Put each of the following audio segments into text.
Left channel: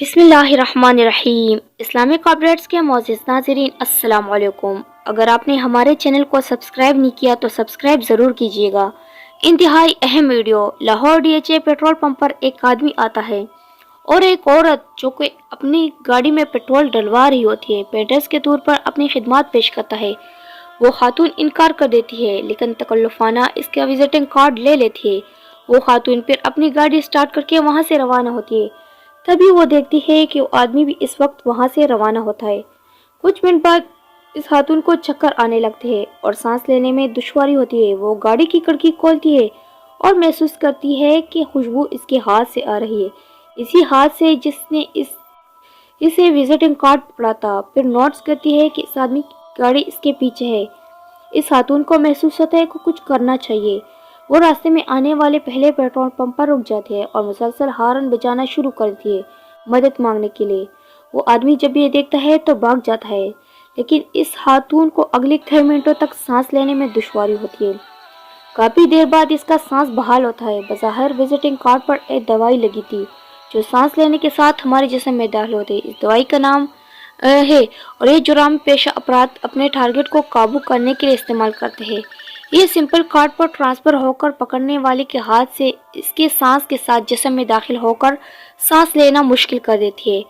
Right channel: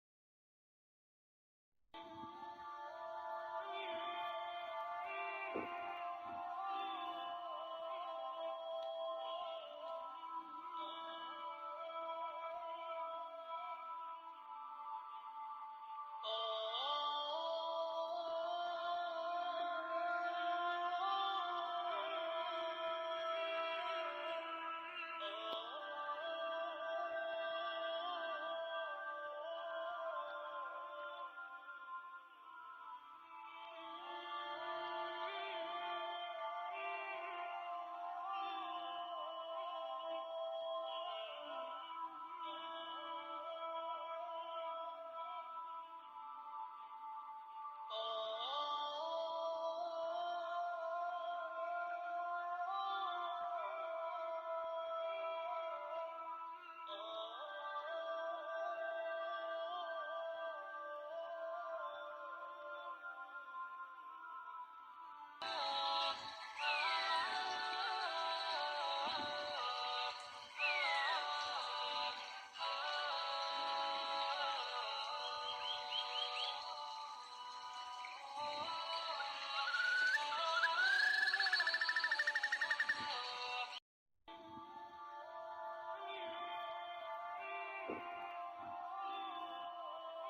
بسم اللہ الرحمن الرحیم۔ اسلامک اپڈیٹس کے معزز ناظرین السلام علیکم۔ اگر آپ نے ہمارے چینل کو سبسکرائب نہیں کیا تو سبسکرائب ضرور کیجیے گا۔ انتہائی اہم video. Lahore D H A petrol pump پر ایک آدمی آتا ہے اور ایک عورت جو کہ اپنی گاڑی میں پیٹرول ڈلوا رہی ہوتی ہے پیٹرز کے طور پر اپنی خدمات پیش کرتا ہے۔ وہ خاتون انکار کر دیتی ہے لیکن تکلفانہ اس کا وزٹنگ کارڈ لے لیتی ہے۔ وہ خاتون پھر اپنی گاڑی سٹارٹ کر کے وہاں سے روانہ ہوتی ہے۔ تبھی وہ دیکھتی ہے کہ وہ آدمی بھی اس وقت وہاں سے روانہ ہوتا ہے۔ کچھ منٹ بعد اس خاتون کو چکر آنے لگتے ہیں اور سانس لینے میں دشواری ہوتی ہے۔ وہ گاڑی کی کھڑکی کھولتی ہے اور محسوس کرتی ہے کہ خوشبو اس کے ہاتھ سے آ رہی ہے، اسی ہاتھ سے جس نے اسے وزٹنگ کارڈ پکڑا تھا۔ پھر نوٹس کرتی ہے کہ اس آدمی کی گاڑی اس کے پیچھے ہے۔ اس خاتون کو محسوس ہوتا ہے کہ کچھ کرنا چاہیے۔ وہ راستے میں آنے والے پہلے پیٹرول پمپ پر رک جاتے ہیں اور مسلسل ہارن بجانا شروع کرتی ہے مدد مانگنے کے لیے۔ وہ آدمی جب یہ دیکھتا ہے تو بھاگ جاتا ہے، لیکن اس خاتون کو اگلے کئی منٹوں تک سانس لینے میں دشواری ہوتی ہے۔ کافی دیر بعد اس کا سانس بحال ہوتا ہے۔ بظاہر وزٹنگ کارڈ پر ایک دوائی لگی تھی جو سانس لینے کے ساتھ ہمارے جسم میں داخل ہوتی ہے۔ اس دوائی کا نام ہے اور یہ جرم پیشہ افراد اپنے ٹارگٹ کو قابو کرنے کے لیے استعمال کرتے ہیں۔ یہ سمپل کارڈ پر ٹرانسفر ہو کر پکڑنے والے کے ہاتھ سے اس کے سانس کے ساتھ جسم میں داخل ہو کر سانس لینا مشکل کر دیتی ہے۔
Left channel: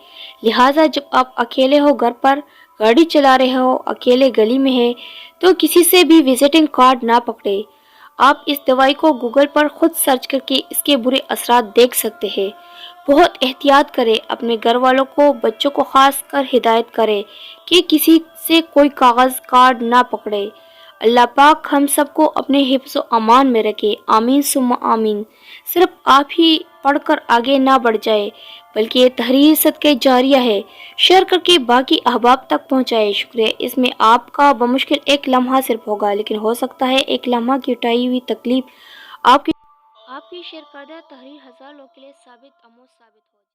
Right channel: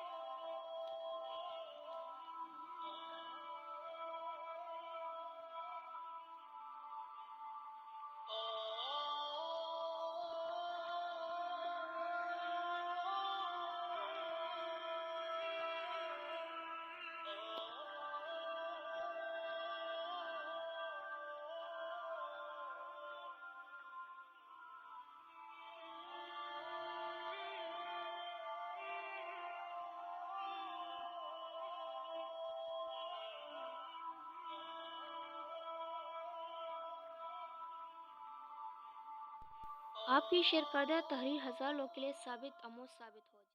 لہٰذا جب آپ اکیلے ہو، گھر پر گاڑی چلا رہے ہو، اکیلے گلی میں ہے تو کسی سے بھی وزٹنگ کارڈ نہ پکڑے۔ آپ اس دوائی کو گوگل پر خود سرچ کر کے اس کے برے اثرات دیکھ سکتے ہیں۔ بہت احتیاط کریں، اپنے گھر والوں کو، بچوں کو خاص کر ہدایت کریں کہ کسی سے کوئی کاغذ کارڈ نہ پکڑے۔ اللہ پاک ہم سب کو اپنے حفظ و امان میں رکھے، آمین ثم آمین۔ صرف آپ ہی پڑھ کر آگے نہ بڑھ جائے بلکہ یہ تحریر صدقہ جاریہ ہے، شیئر کر کے باقی احباب تک پہنچائے۔ شکریہ۔ اس میں آپ کا بمشکل ایک لمحہ صرف ہوگا، لیکن ہو سکتا ہے ایک لمحہ کی اٹھائی ہوئی تکلیف آپ کی شیئر کردہ تحریر ہزار لوگوں کے لیے ثابت آموز ثابت ہو۔